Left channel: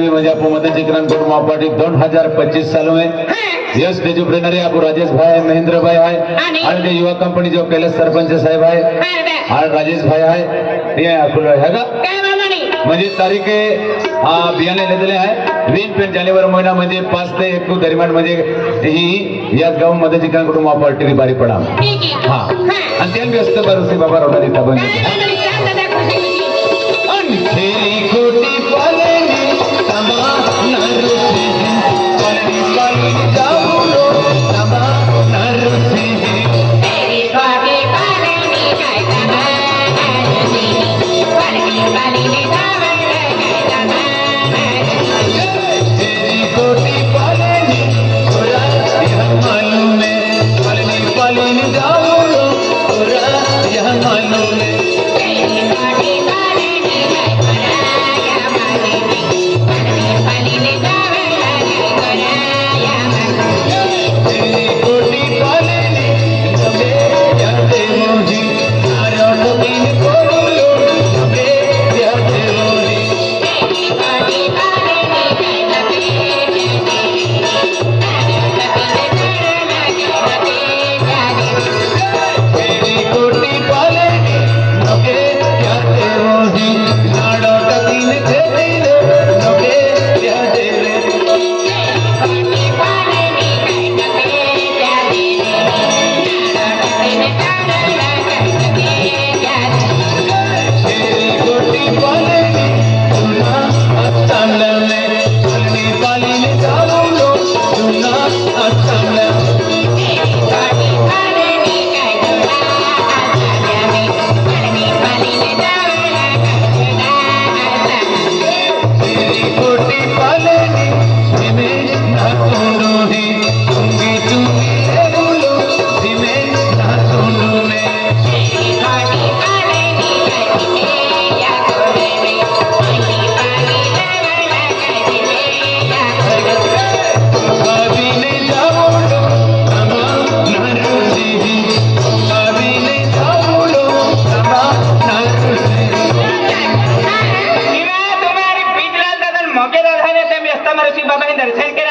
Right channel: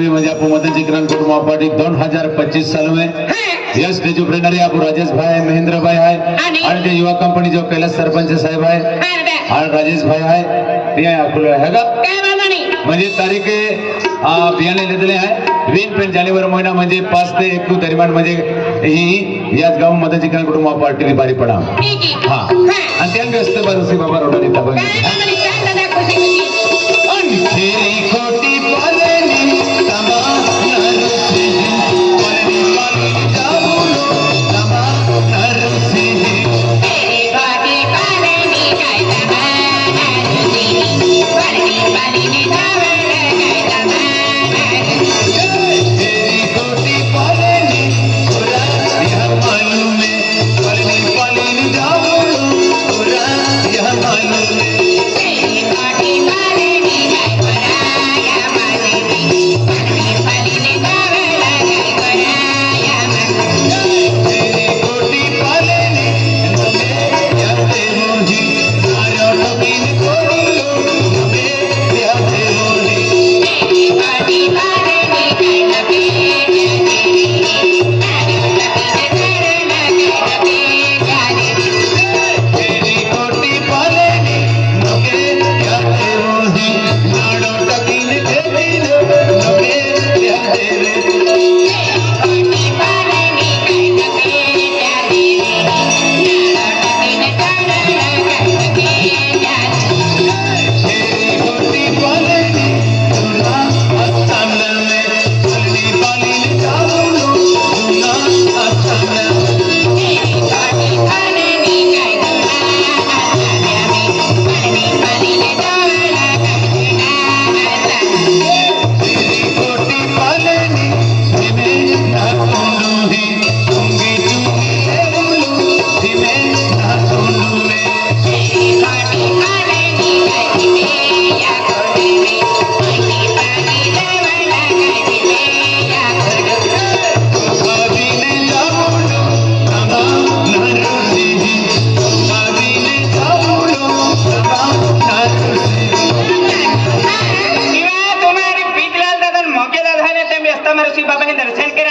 93 म्हणजे आपण मदनजी किरण कुटुंब पार्टी 2025 साल में यह स्टेज ट्रेनर है आपको राजेश भाई महेंद्र भाई है और जो युवा कंपनी जो कैलाश सरपंच साहेब है और राजेश भाई है ते आपको हैगा म्हणजे तारीख बियाणे लिहिलेले आहे 20 जानेवारी महिना म्हणजे 5 ते 1 दरम्यान म्हणजे ही याच गाव मदनजी किरण कुटुंब पार्टी बारी पडा हां आणि त्या व्यस्त बरसी बाबा रोडली तबन खेरी खोटी पालनी तमा नरसी पालनी पालनी जाऊलो तमा नरसी खेरी खोटी पालनी काय तमा नरसी पालनी पालनी जाऊलो काय तमा नरसी खेरी खोटी पालनी पूरा यह मालूम है पालनी पालनी जाऊलो पूरा यह मालूम है बाबा ने दर्शन करे